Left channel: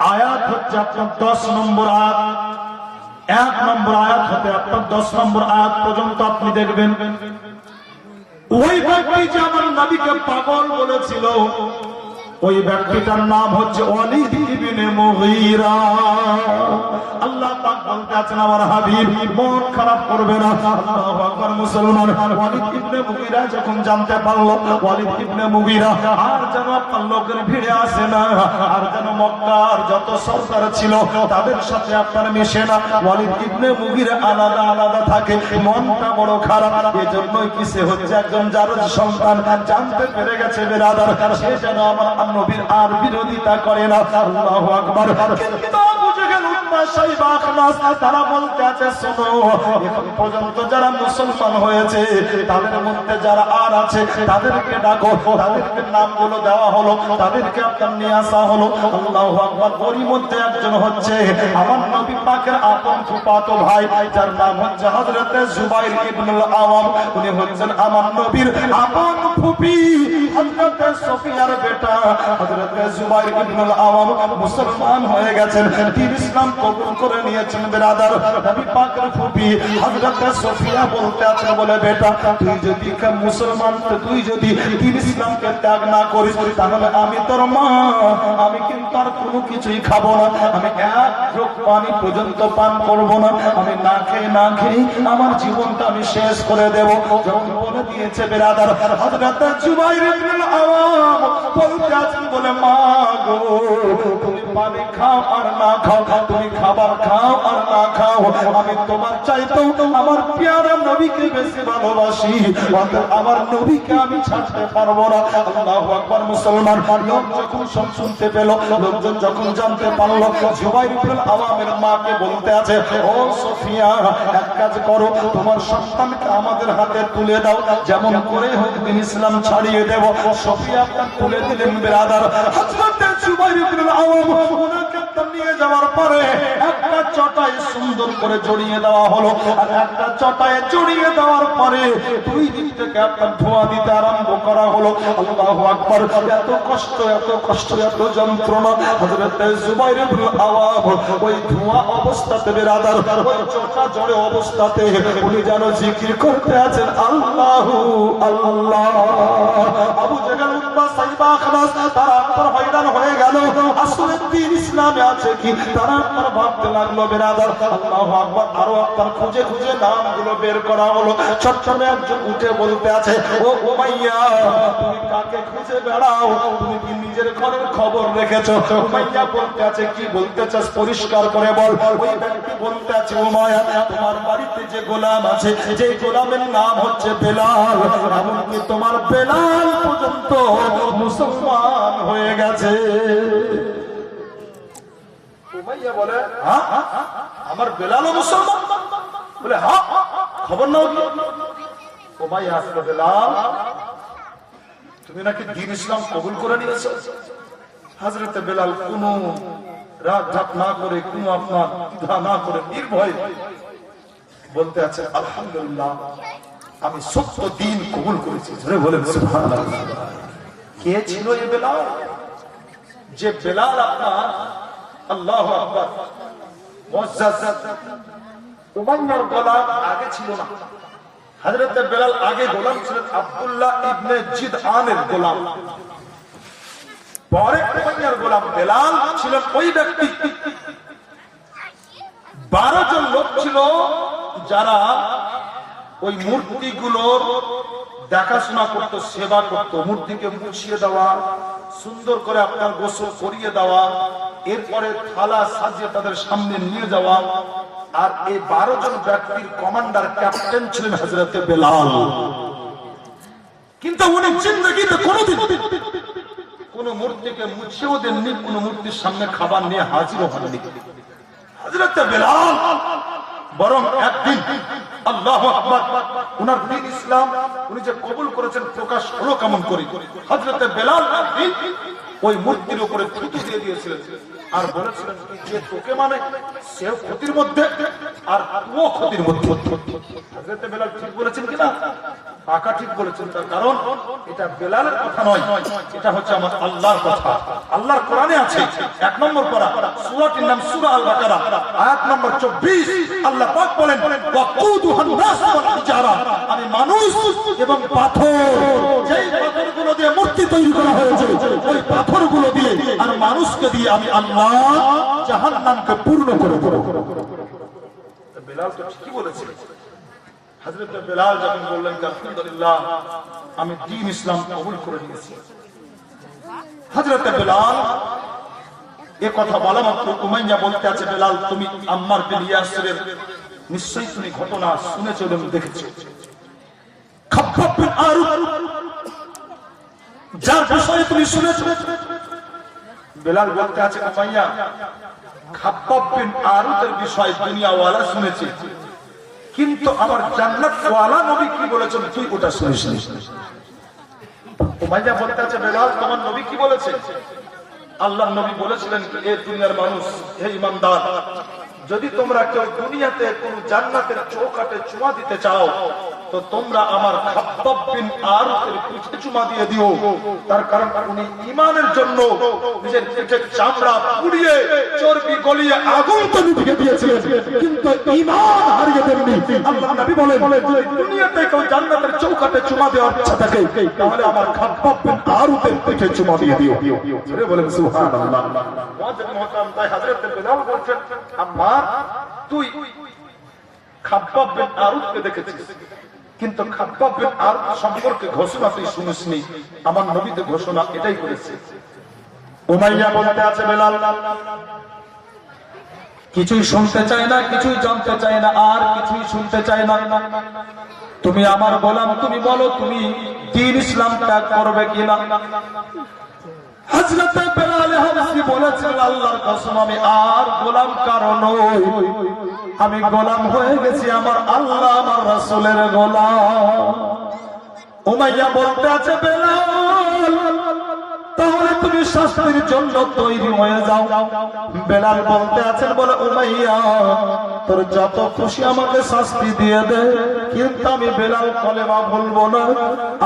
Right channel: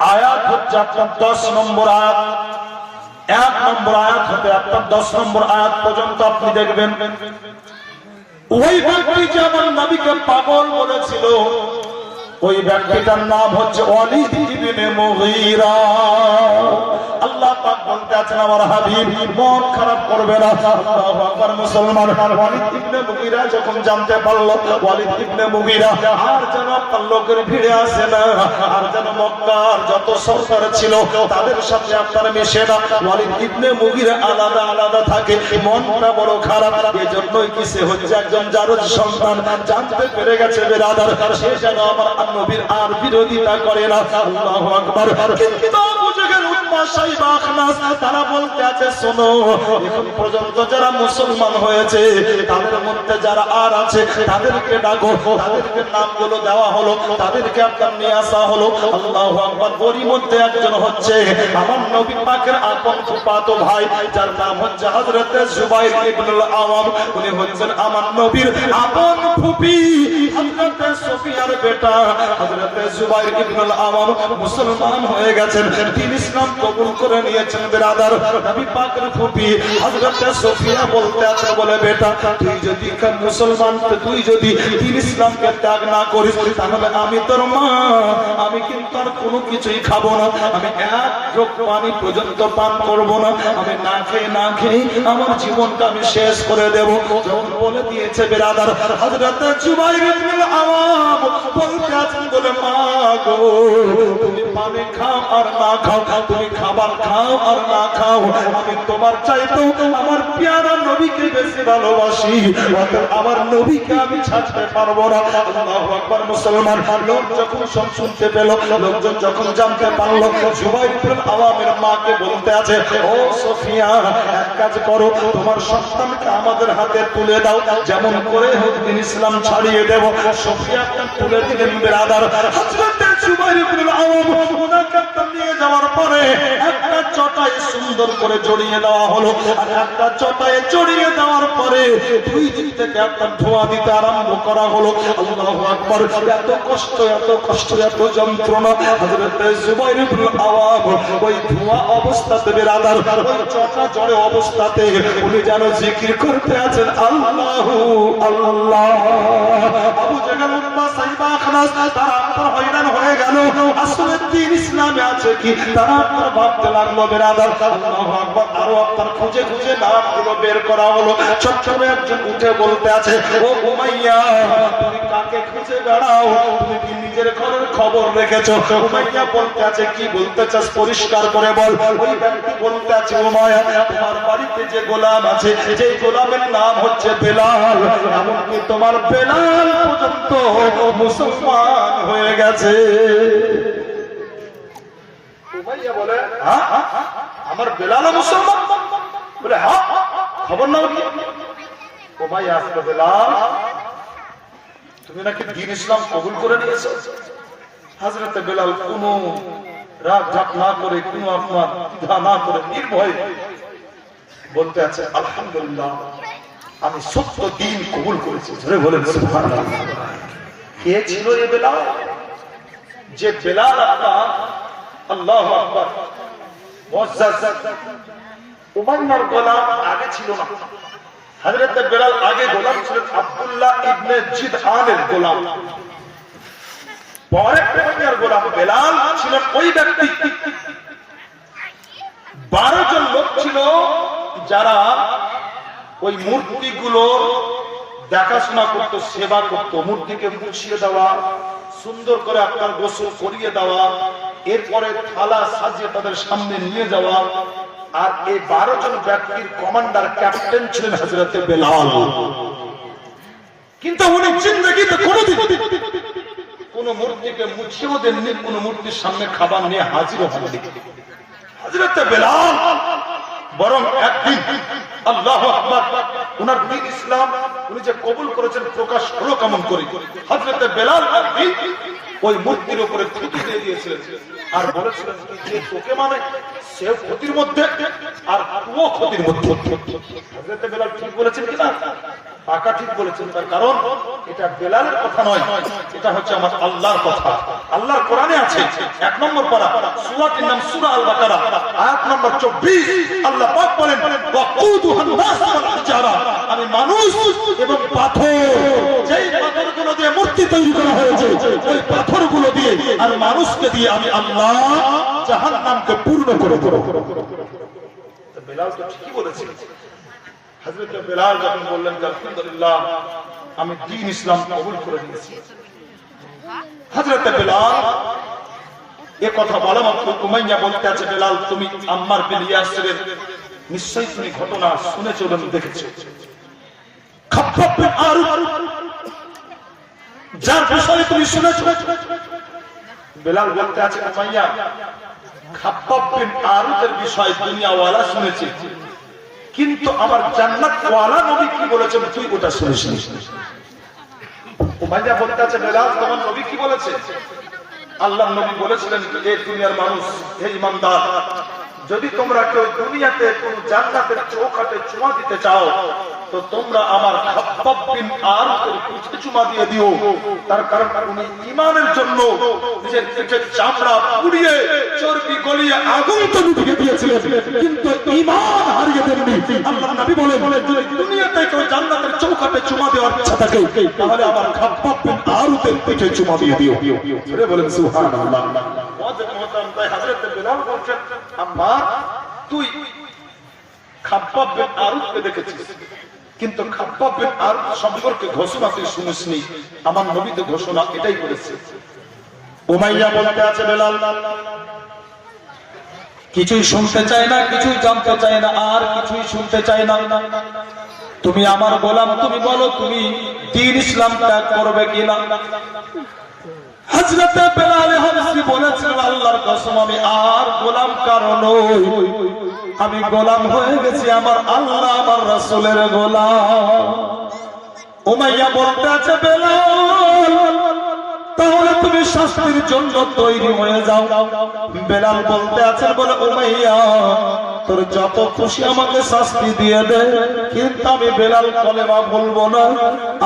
আয়াত হচ্ছে আপনার 10 নম্বর আয়াত, 1 নম্বর আয়াত হতে আপনার 10 নম্বর আয়াত পর্যন্ত আপনি দেখবেন ওই ব্যক্তি যে আমার নবীকে পাগল বলেছিল ওই ব্যক্তিটার নাম হচ্ছে ওয়ালিদ ইবনে মুগীরা। আল্লাহ পাক বলতে আছেন আমার হাবিব মন খারাপ করবে না। আল্লাহু আকবার। মুসলমান ওয়ালিদ ইবনে মুগীরা যখন জানতে পারলো ওয়ালিদ ইবনে মুগীরা আর যেন আপনার লোকের ভিড়ে আসে না, আর যেন মক্কার যত সরদার ছিল তাদের সাথে আপনার মিশে না, ওয়ালিদ ইবনে মুগীরা আলাদা আলাদা থাকে, মনটা বড় খারাপ। এজন্যই কি সে হচ্ছে একজন জারজ সন্তান, জানতে পেরে গেছে বেরাদার সে যেন আমার নবীর আর বিরোধিতা করে না। আল্লাহু আকবার। কিন্তু বুঝে গেল উম্মাহ সাইবা আখনাস তারা বলতে আছে শোনো এখন পর্যন্ত যারা মুসলমান হয়েছে তাদের মধ্যে যারা আর আছে তাদেরকে ডাকো, তাদেরকে নামগুলো দেওয়া হলো, তাদেরকে আপনার নিয়ে আসা হলো। আল্লাহু আকবার। ওরই মধ্যে একজন হচ্ছে আমার নবী পাকের আপন ফুফাতো ভাই যার নাম হচ্ছে হযরতে জুবাইর ইবনুল আওয়াম। উনি হচ্ছেন আমার নবীর আপন ফুফি হযরতে সুফিয়ার বেটা হযরতে জুবাইর ইবনুল আওয়াম মুসলমান হয়ে গেছেন, তিনি ইসলাম কবুল করে নিয়েছেন। বেরাদার নবী পাকের ফুফি হযরতে সুফিয়া বলতে আছেন বলে বেটা তুই যদি মুসলমান তুই যদি দিন ইসলামকে ত্যাগ না করিস তাহলে আমি তোর মা আমি কিন্তু আর কোনো কিছুই খাবো না, আমি এক ঢোক পানি পর্যন্ত পান করব না, আমি না খেয়ে আমার জীবনটা আমি শেষ করে দেব। যখন বলে দিয়েছে বেরাদার হযরতে জুবাইর ইবনুল আওয়াম বলতে আছেন বলে মা গো তুমি পানি খাও আর না খাও, তুমি খাবার খাও আর না খাও, আমি তোমার চাইতেও আমার পেয়ারা নবীকে বেশি ভালোবাসি, আমার নবীকে আমি ছাড়তে পারবো না। আল্লাহু আকবার। মুসলমান লোক যখন সব শুনতে পেল, লোকজন যখন জানতে পারলো, জুবাইর ইবনুল আওয়ামের মাকে বলতে আছে ও সুফিয়া এক কাজ করো তোমার সন্তানকে আমাদের হাতে তুলে দাও, যেমন করে হোক দিন ইসলাম ছাড়িয়ে দেব। সুফিয়া তুলে দিলেন বেরাদার হযরতে জুবাইর ইবনুল আওয়াম ওনাকে নিয়ে যাওয়ার পরে একটা চটাই সুন্দর করে জড়িয়ে দেওয়া হলো, আর একটা চটাই জড়িয়ে দেওয়ার পরে দুই দিক থেকে আপনার ধোঁয়া দিতে আরম্ভ করা হলো। আল্লাহু আকবার। এত কষ্ট এত যন্ত্রণা হযরতে জুবাইর ইবনুল আওয়াম ওই ধোঁয়া অবস্থাতে বেরাদার ওই চটা জড়ে অবস্থাতে উনি যেন জিকির করতে আছেন আল্লাহু আল্লাহ। আবু জাহল উম্মাহ সাইবা আখনাস তারা আপনার হয়রান হয়ে গেল, আসলে দিন ইসলামে আছে কি তারা আপনার ভাবতে লাগলো বেরাদার। আল্লাহু আকবার। আরো আপনার খুঁজে নামগুলো বের করা হলো। চট্টগ্রামে একজন উঠে বলতে আছে ও উমাইয়া তুমি কাকে খুঁজে বেড়াও, তুমি কি নিজের খবর রেখেছো? উমাইয়া বলতে আছে কি বলতে চাস পরিষ্কার করে বল। ওই ব্যক্তি বলতে আছে উমাইয়া তোমার বাড়িতে যে গোলাম আছে যে গোলামের নাম হচ্ছে বেলাল, এমনকি তোমার বেলাল পর্যন্ত মুসলমান হয়ে গেছে। উমাইয়া বলে হ্যাঁ আমার বেলাল মুসলমান? বলে হ্যাঁ খবর নাও কি? উমাইয়া আসলে বেলাল তুমি নাকি দ্বীন ইসলাম কবুল করে নিয়েছো? হযরতে বেলাল কোনো রাগ ঢাক না করে কোনো আপনার দ্বিধা না করে নির্ভয় বলতে আছে আলহামদুলিল্লাহ আমি সত্য দ্বীন কবুল করেছি। ধরে বলেন সুবহানাল্লাহ। কে ছিল এই বেলাল? যে বেলাল আপনার আল্লাহু আকবার মুআজ্জাজ উমাইয়ার গোলাম আগে ছিল না। হযরত বেলাল আগে গোলাম ছিলেন আব্দুল্লাহ ইবনে জিদআনের গোলাম, পরে উমাইয়ার গোলাম বেলাল ছিলেন ওই ব্যক্তি। 12 জন লোক ছিল যারা ওই মূর্তিগুলোর দেখাশোনা করত, সেবা করত, মূর্তিকে মুছিয়ে দেওয়া, সুন্দর করে আপনার গোসল করিয়ে দেওয়া, এরপরে থালা সাজিয়ে তাদের সামনে নিয়ে যাওয়া। আর এই 12 জন ব্যক্তির কমান্ডার ক্যাপ্টেন ছিলেন হযরতে বেলাল। কিন্তু উনি জিন্দেগিতে কোনোদিন কোন মূর্তিকে মুছিয়েও দেননি, কোন মূর্তির সামনে খাবার নিয়ে হাজিরও হননি হযরতে বেলাল। বরং একদিন আল্লাহু আকবার উনার দ্বীন ইসলাম উনি যে কবুল করেছেন প্রকাশ হলো কেমন করে। হযরতে বেলাল একদিন ওই মূর্তির উপরে থুতু দিয়ে দিয়েছিলেন আর বলেছিলেন যে তোকে মানে সে ক্ষতির মধ্যে আর তুইও ক্ষতির মধ্যে। হযরতে বেলাল ঠিক বলেছেন কিনা? আকা ঠিক বলেছেন, তার কারণ এটা বেলালের কথা নয়, এটা হচ্ছে আমার আল্লাহর কথা। আল্লাহর কোরআনে আছে 1 নম্বর পারা, সূরাটির নাম সূরা আল বাকারা, আয়াত নম্বর 24। আল্লাহ পাক বলেন ওয়াকুদুহান নাস ওয়াল হিজারা, আমি মানুষ এবং পাথর, যেই পাথরগুলো দিয়ে মূর্তি তৈরি করা হয়েছে, ওই পাথরগুলো দিয়ে আর মানুষকে দিয়ে আমি আল্লাহ জাহান্নামকে পূর্ণ করে দেব। বেলাল তো ঠিকই বলেছে। হযরত বেলাল যখন বললেন আলহামদুলিল্লাহ আমি দ্বীন ইসলাম কবুল করে নিয়েছি, হযরত বেলাল এই কথা বলা মাত্র উমাইয়া বলতে আছে, বেলাল তুমি আম্মার বিন ইয়াসিরের নিশ্চয়ই তুমি ঘটনা শুনেছো এবং দেখেছো। খাব্বাব বিন আরুত যার বিষয়ে তুমি শুনেছো, বেলাল বলতে আছে উমাইয়া খাব্বাব বিন আরুতের বিষয়ে দুনিয়াওয়ালা শুনেছে, কিন্তু আমার জান্নাত ওয়ালা নবী কি বলেছেন তুই ওটা শুনিস। উমাইয়া বলতে আছে বেলাল তোমার নবী কি বলেছে? আল্লাহর নবী বলেছিলেন কি এই দুনিয়ার মানুষ, হে ঈমানদার, যদি তোমরা কেউ দুনিয়াতে কোন জান্নাতের চৌকাঠে চুমা দিতে চাও তো তোমরা আমার খাব্বাব বিন আরুতের পিঠে চুমা দিয়ে দিও। তার কারণ উনি ঈমানের জন্য নিজের পিঠের চামড়া পুড়িয়ে চর্বি গলিয়ে আগুন তৈরি করে দিয়েছিলেন, কিন্তু ঈমান হারিয়ে দেননি। আল্লাহর নবী বলেন যদি দুনিয়াতে কেউ জান্নাতের চৌকাঠে চুমা দেওয়ার ইচ্ছা থাকে তাহলে আমার খাব্বাব বিন আরুতের পিঠে চুমা দিয়ে দিও। জোরে বলেন সুবহানাল্লাহ। মুআজ্জিন মুহতারাম, তাই হযরত বেলাল বলেন আম্মা তুই খাব্বাব বিন আরুতকে দেখেছিস, কিন্তু খাব্বাব বিন আরুত সম্পর্কে ঘোষণা তুই শুনিসনি, আমার নবী তো ঘোষণা এটাই করেছে। উমাইয়া বলতে আছে বেলাল কিছুই শুনতে চায় না, কিছুই জানতে চায় না, আর কিছুই শুনতে চায় না। তুমি আমার গোলাম, তুমি বলো তুমি দ্বীন ইসলাম ত্যাগ করবে কিনা। হযরত বেলাল হাবশী বলেছেন আল্লাহর কসম আমি আর গোলাম কারো নই, আমি গোলাম হয়ে গেছি আমার আল্লাহ আমার রাসূলের গোলাম। উমাইয়া বলতে আছে বেলাল তাহলে তুমি শাস্তির জন্য তৈরি হয়ে যাও। বেলাল বলতে আছেন বলে উমাইয়া তোর যত খুশি আমাকে শাস্তি দিয়ে দে, কিন্তু আমি বেলাল কলেমা বলবো না,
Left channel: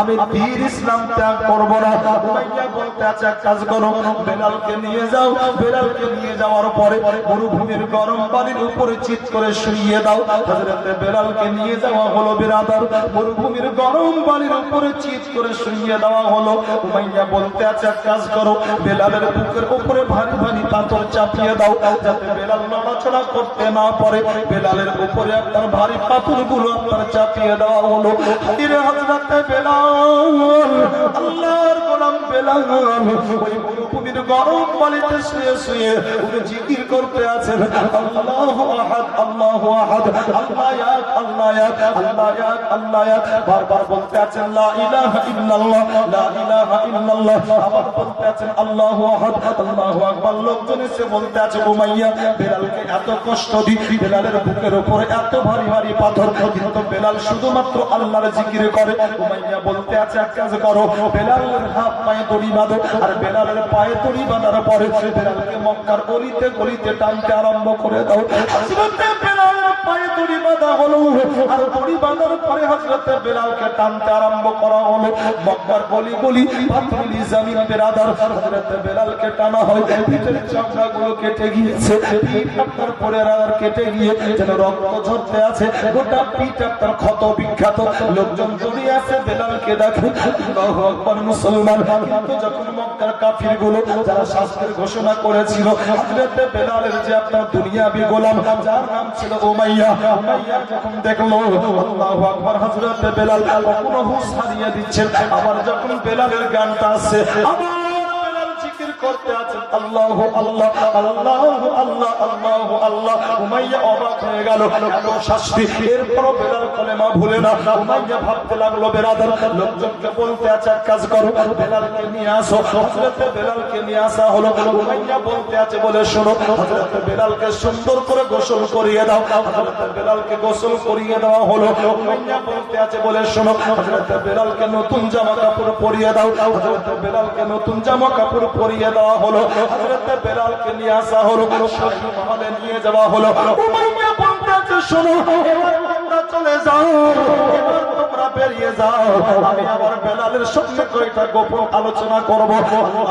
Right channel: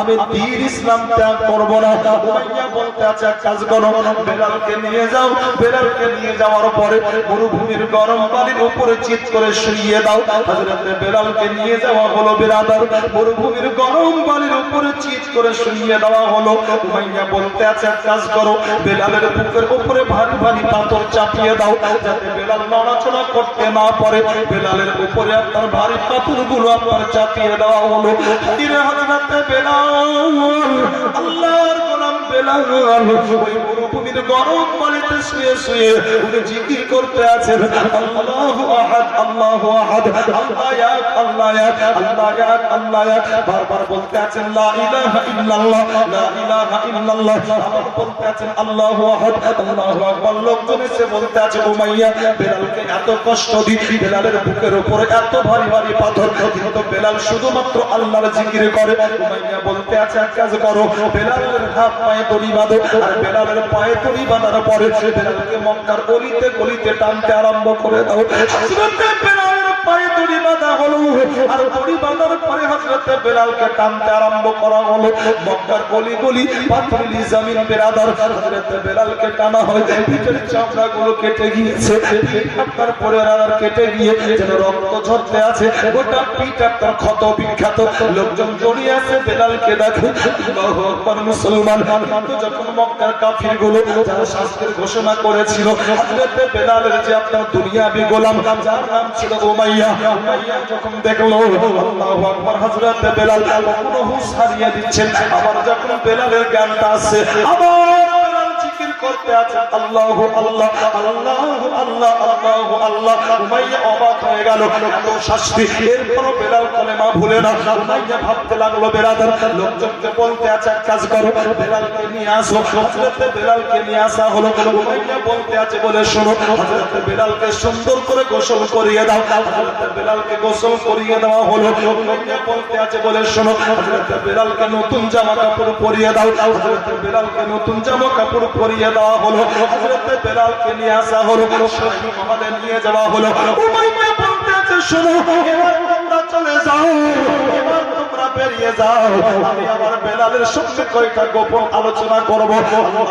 আমি দ্বীন ইসলাম ত্যাগ করবো না। উমাইয়া বলতে আছে এক কাজ করো, বেলালকে নিয়ে যাও, বেলালকে নিয়ে যাওয়ার পরে মরুভূমির গরম পানির উপরে চিৎ করে শুইয়ে দাও। হযরত বেলালকে নিয়ে যাওয়া হলো বিরাদার, মরুভূমির গরম পানির উপরে চিৎ করে শুইয়ে দেওয়া হলো। উমাইয়া বলতে আছে কাজ করো, বেলালের বুকের উপরে ভারী ভারী পাথর চাপিয়ে দাও যাতে বেলাল নড়াচড়া করতে না পারে। বেলালের উপরে আপনার ভারী পাথরগুলো আপনার চাপিয়ে দেওয়া হলো। ফিরে হযরত বেলাল আল্লাহর গোলাম বেলাল ওই মরুভূমির গরম পানিতে শুয়ে শুয়ে উনি জিকির করতে আছেন আল্লাহু আহাদ আল্লাহু আহাদ আল্লাহ এক আল্লাহ এক আল্লাহ এক আল্লাহ এক, বারবার বলতে আছেন লা ইলাহা ইল্লাল্লাহ লা ইলাহা ইল্লাল্লাহ, আবার বলতে আছেন আল্লাহু আহাদ আল্লাহু আকবার। লোকজন এসে বলতে আছে উমাইয়া বেলালকে এত কষ্ট দি, বেলালের বুকের উপরে এত ভারী ভারী পাথর, কিন্তু বেলাল শুধুমাত্র আল্লাহর জিকির করে। উমাইয়া বলতে আছে এক কাজ করো, বেলালের হাত পায়ে দড়ি বাঁধো, আর বেলালের পায়ে দড়ি বাঁধার পরে বেলালকে মক্কার গলিতে গলিতে টানতে আরম্ভ করে দাও। হযরত বেলালের পায়ে দড়ি বাঁধা হলো, আর দড়ি বাঁধার পরে হযরত বেলালকে টানতে আরম্ভ করা হলো। মক্কার গলি গলি পাথরের জমিন বেরাদার হযরত বেলালকে টানা হয়, পিঠের চামড়াগুলো কেটে গিয়েছে, পিঠ আপনার পরে আর কেটে গিয়ে যেন রক্ত ঝরতে আছে, গোটা পিঠ আপনার ক্ষত বিখ্যাত। লোকজন জড়িয়ে আছে বেলালকে দেখে, আল্লাহু আকবার মুসলমান। কিন্তু যখন মক্কার কাফিরগুলো যারা শাস্তির ঘোষণা করেছিল হযরত বেলালের যে আপনার দুনিয়াবি গোলাম যার নাম ছিল উমাইয়া, উমাইয়া যখন দেখলো আল্লাহু আকবার হযরত বেলাল কোনো হুঁশ হারিয়ে দিচ্ছে, আবার যখন বেলালের জ্ঞানটা আছে আবার বেলাল জিকির করতে আছে আল্লাহু আল্লাহ আল্লাহু আল্লাহ আল্লাহু আল্লাহ। উমাইয়া অবাক হয়ে গেল এত শাস্তি, এরপর বেলাল কলেমা ভুলে না। উমাইয়া ভাবতে লাগলো বেরাদার লোকজনকে বলতে আছে এক কাজ করো, বেলালকে নিয়ে আসো। হযরত বেলালকে নিয়ে আসা হলো। উমাইয়া বলতে আছে বলে শোনো, হযরত বেলালকে সুন্দর করে গোসল করিয়ে দাও। হযরত বেলালকে গোসল করিয়ে দেওয়া হলো। উমাইয়া বলতে আছে বলে শোনো, হযরত বেলালকে নতুন জামা কাপড় পরিয়ে দাও। হযরত বেলালকে নতুন জামা কাপড় পরিয়ে দেওয়া হলো। হযরত বেলালকে নিয়ে আসা হলো, শহীদ মহলে নিয়ে যাওয়া হলো। উমাইয়া বলতে আছে শোনো, এবার তোমরা চলে যাও, এবার তোমরা তোমরা বেরিয়ে যাও, আমি আমার বেলালের সঙ্গে কয়টা গোপন আলোচনা করবো।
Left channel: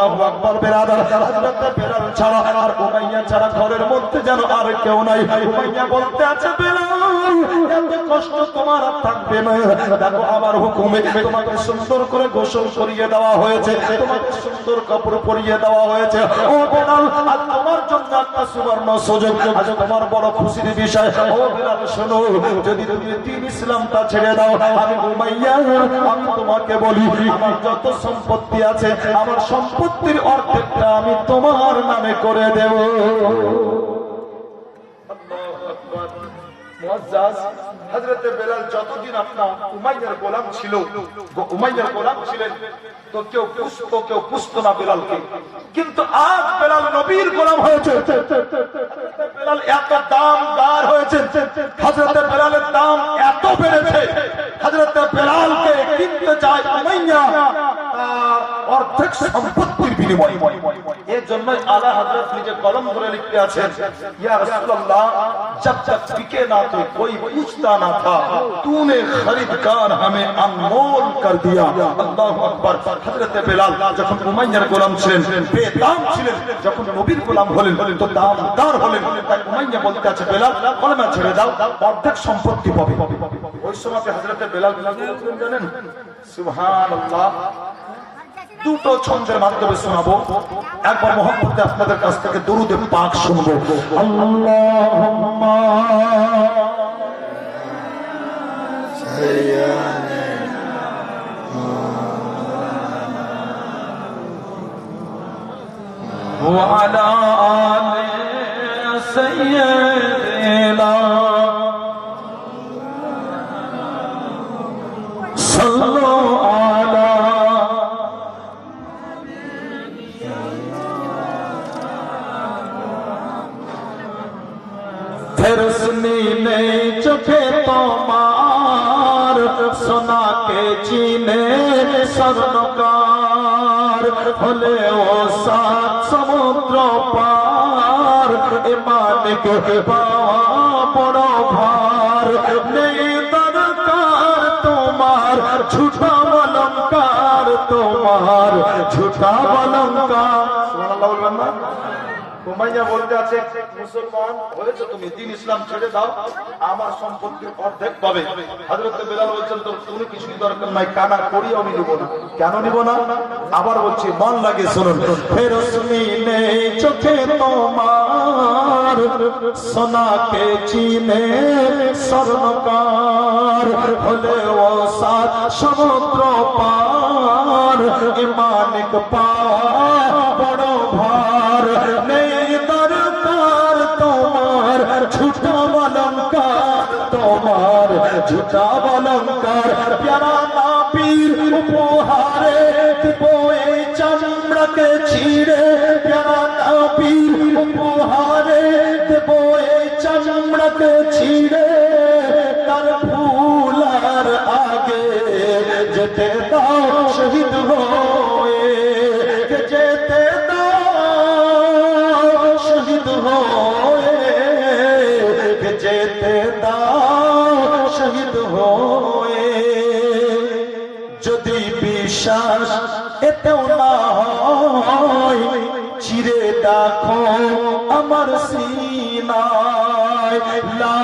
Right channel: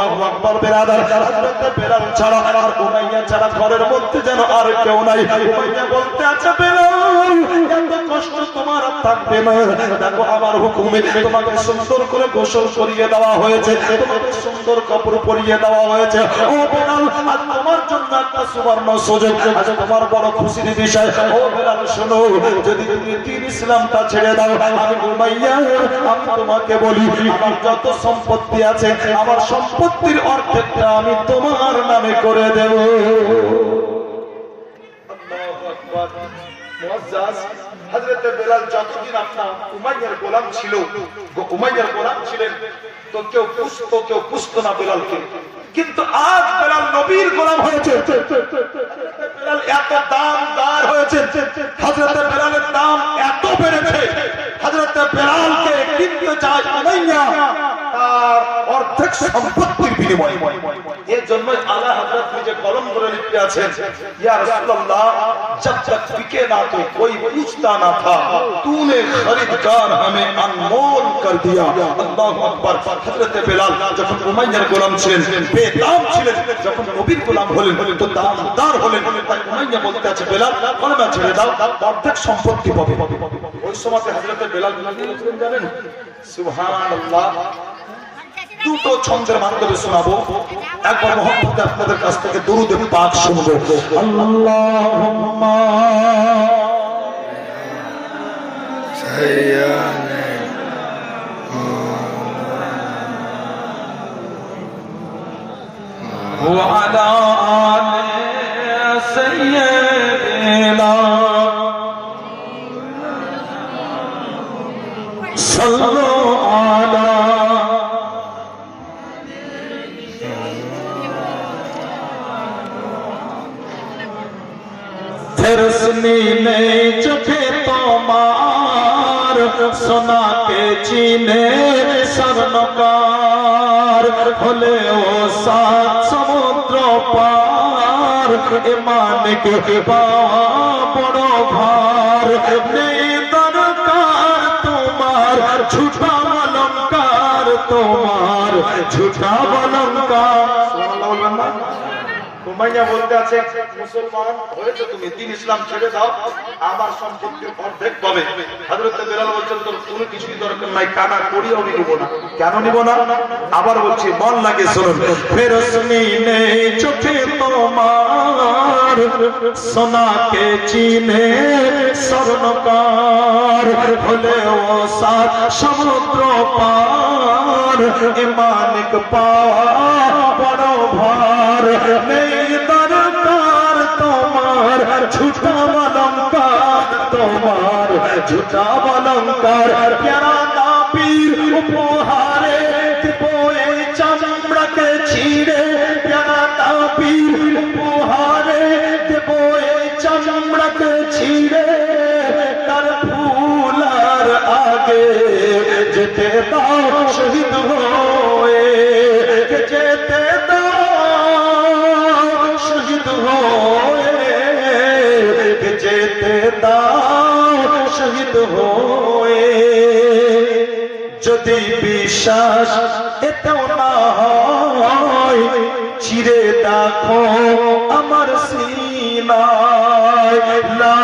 আল্লাহু আকবার। বেরাদার, হযরত বেলাল ছাড়া আর উমাইয়া ছাড়া ঘরের মধ্যে যেন আর কেউ নাই। উমাইয়া বলতে আছে, বেলাল এত কষ্ট তোমার আর থাকবে না। দেখো আমার হুকুমে তোমাকে সুন্দর করে গোসল করিয়ে দেওয়া হয়েছে, তোমাকে সুন্দর কাপড় পরিয়ে দেওয়া হয়েছে। ও বেলাল, আজ তোমার জন্য একটা সুবর্ণ সুযোগ, আজ তোমার বড় খুশির বিষয়। ও বেলাল শোনো, যদি তুমি দ্বীন ইসলামটা ছেড়ে দাও, আমি উমাইয়া আমি তোমাকে বলি, আমার যত সম্পত্তি আছে আমার সম্পত্তির অর্ধেকটা আমি তোমার নামে করে দেব। আল্লাহু আকবার। মুআজ্জাজ, হযরত বেলাল যতদিন আপনার উমাইয়ার গোলাম ছিল, উমাইয়ার গোলাম ছিলেন, তো কেউ পুষতো না বেলালকে। কিন্তু আজ বেলাল নবীর গোলাম হয়েছে, বেলাল এত দামদার হয়েছে, হযরত বেলালের দাম এত বেড়েছে, হযরত বেলালকে কিনতে চায় উমাইয়া তার অর্ধেক সম্পত্তির বিনিময়ে। এর জন্যই আলা হযরত নিজে কলম ধরে লিখতে আছেন, ইয়া রাসূলুল্লাহ जब तक बिके ना तो कोई पूछता ना था, तूने खरीदकार हमें अनमोल कर दिया। अल्लाहु अकबर। हजरत बेलाल যখন উমাইয়ার গোলাম ছিলেন, বেদাম ছিলেন, যখন নবীর গোলাম হলেন তো দামদার হলেন। তাই উমাইয়া বলতে আছে, বেলাল কলমা ছেড়ে দাও, অর্ধেক সম্পত্তি পাবে। ওই সময় হযরত বেলাল জানেন, সুবহানাল্লাহ, দুটো ছন্দের মাধ্যমে শোনাবো। একবার মুহাম্মদে আপনাদের কাছ থেকে দরুদ পাক শুনবো। আল্লাহুম্মা সাইয়্যিদানা ওয়া আলা আলি সাইয়্যিদিনা সাল্লু আলা। रोशनी ने चोखे तोमार सोना के चीने स्वर्णकार होले ओ सात समुद्र पार ईमान के पावा बड़ो भार नहीं दरकार तुम्हार झूठा अलंकार तुम्हार झूठा अलंकार। উমাইয়া বলতে আছে, মুসলমান হয়েছে তুমি, দ্বীন ইসলাম ছেড়ে দাও, আমার সম্পত্তির অর্ধেক পাবে। হযরত বেলাল বলছেন, তোর কোনো কিছুই দরকার নাই, কানা করিও আমি নিব না। কেন নিব না? আবার বলছি, মন লাগে শুনুন। ফেরসনি নে চোখে তোমার সোনা কে চিনে স্বর্ণকার হলে ও সাত সমুদ্র পার ইমানিক পাওয়া বড় ভার নেই দরকার তোমার ঝুটা অলঙ্কার তোমার ঝুটা অলঙ্কার প্যারা না পীর উপহারে দিব এই চামড়াকে ছিঁড়ে প্যারা না পীর উপহারে দেব এই চামড়াকে ছিঁড়ে তার ফুলার আগে যেতে দাও শহীদ হয়ে যেতে দাও শহীদ হয়ে যেতে দাও শহীদ হয়ে। যদি বিশ্বাস এতেও না হয় চিরে দেখো আমার সিনায় লা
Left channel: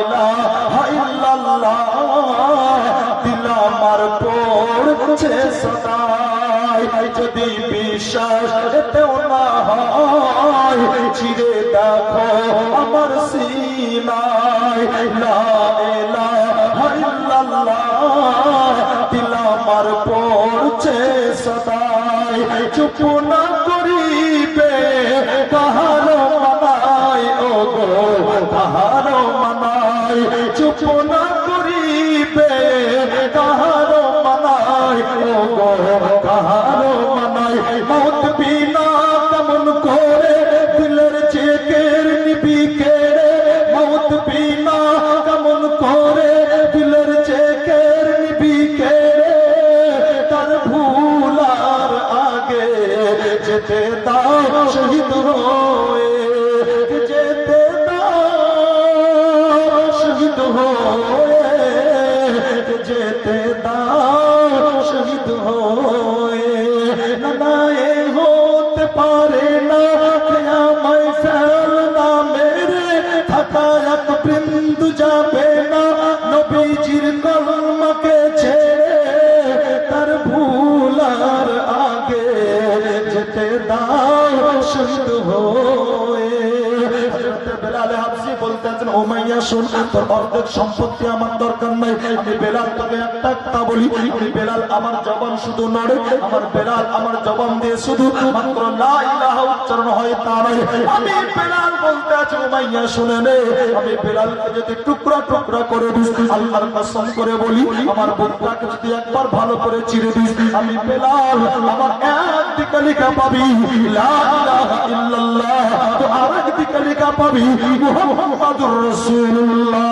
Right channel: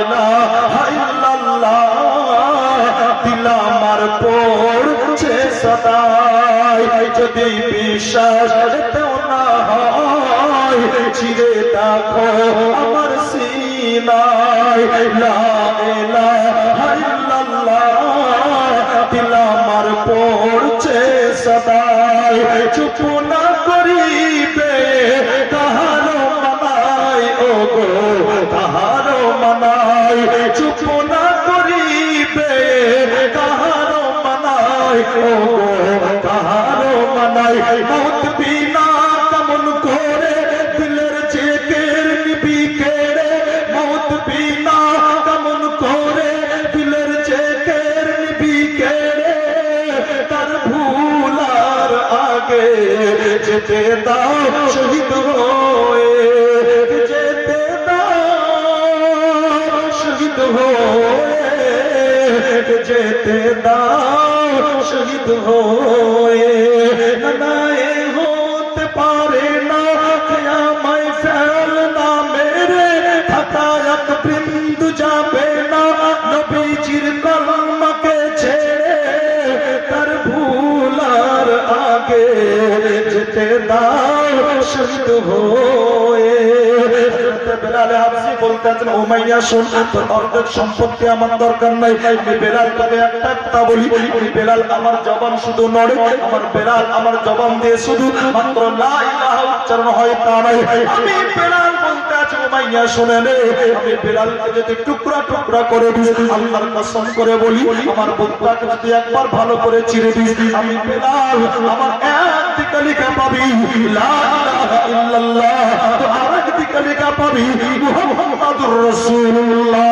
ইলাহা ইল্লাল্লাহ দিল আমার পড়ছে সদাই। যদি বিশ্বাস এতেও না হয় চিরে দেখো আমার সিনায় লা ইলাহা ইল্লাল্লাহ দিল আমার পড়ছে সদাই। চুপ না করিবে কাহারো মানাই ও গো কাহারো মানাই চুপ না করিবে কাহারো মানাই ও গো কাহারো মানাই। মৌত বিনা কেমন করে দিলের চেকের নিবি কেড়ে মৌত বিনা কেমন করে দিলের চেকের নিবি কেড়ে তার ভুলার আগে যেতে দাও শহীদ হয়ে যেতে দাও শহীদ হয়ে যেতে এক বিন্দু যাবে না নবীজির কলমাকে ছেড়ে, তার ভুলার আগে যেতে দাও শহীদ হয়ে। বেলালে হাফসি বলতেছেন, ও মাইয়া শোন, তোর অর্ধেক সম্পত্তি আমার দরকার নাই, আমি বেলাল তোকে একটা কথা বলি, আমি বেলাল আমার জবান শুধু নড়ে, আমার বেলাল আমার জবান দিয়ে শুধু মাত্র লা ইলাহা উচ্চারণ হয় তা নাই। আমি বেলাল বলতে আছি, ও মাইয়া শুনে নে, আমি বেলালকে যদি টুকরা টুকরা করে দিই, আল্লাহর কসম করে বলি, আমার বুকটাকে যদি একবার ভালো করে চিরে দিই, আমি বেলাল আমার একদিকে লেখা পাবি লা ইলাহা ইল্লাল্লাহ, তো আরেকদিকে লেখা পাবি মুহাম্মাদুর রাসূলুল্লাহ।